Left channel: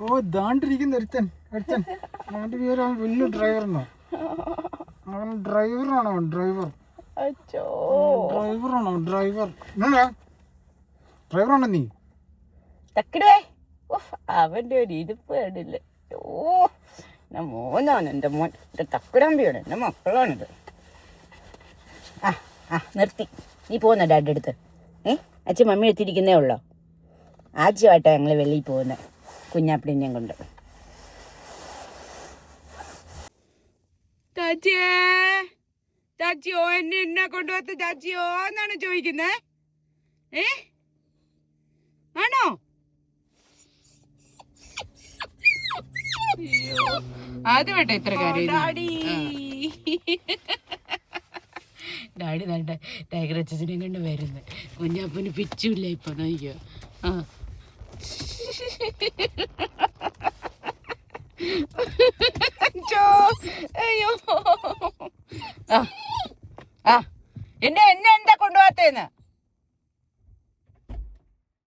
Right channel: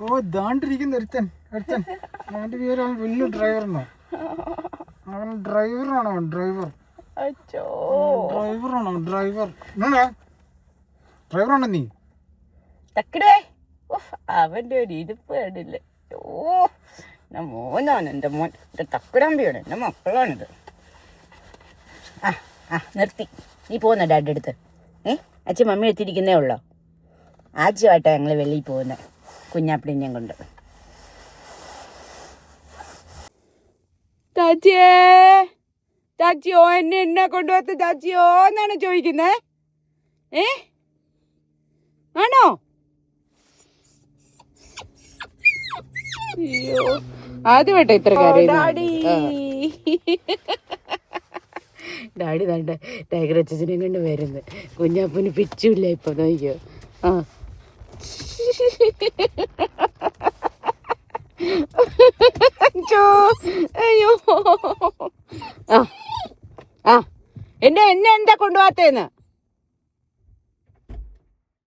ഓ ദാണ്ടിരിക്കുന്ന ഒരുത്തൻ ഒരുത്തൻ അവന്റെ പേര് അവൻ വലിയ ഡ്രൈവറിനോ അവൻ ഡ്രൈവറാണോ ഡ്രൈവർ ഡ്രൈവറാണോ ഡ്രൈവർ ഡ്രൈവറാണോ നീ അവന്റെ ഒരു ഇരിപ്പ് കണ്ടില്ലേ ഓ മോനാണ് എൻ്റെ മോൻ എൻ്റെ തക്കുടമ്പിയാണ് എൻ്റെ മക്കളാണിത് നിർത്തി നീ പോകുന്ന ഡാഡി അടുത്ത് അച്ഛൻ മമ്മി എത്തിയിരിക്കുന്നേ ഉള്ളോ ആദ്യമായിട്ടാണ് ഞങ്ങൾ വെളിയിൽ പോകുന്നത് കുഞ്ഞാപ്പിളിനെയും കൊണ്ട് ചാച്ചിയേ ചാച്ചിയോ എന്നെ കൊണ്ടുപോകത്ത് ചാച്ചിയോ എന്നാണ് ചോദിക്കുന്നേ ആണോ അയ്യോ ആദ്യമായിട്ടാ ഇത്ര കാര്യം ഡാഡി വേണ്ട ടൈഗർ അച്ഛനെ കൊണ്ട് വരുന്നത് കുഞ്ഞാപ്പന് പിച്ചില്ല ഇപ്പൊ നോക്കിയോ അയ്യോ എന്നെ എന്താ കൊണ്ടുപോകാത്തേന്ന്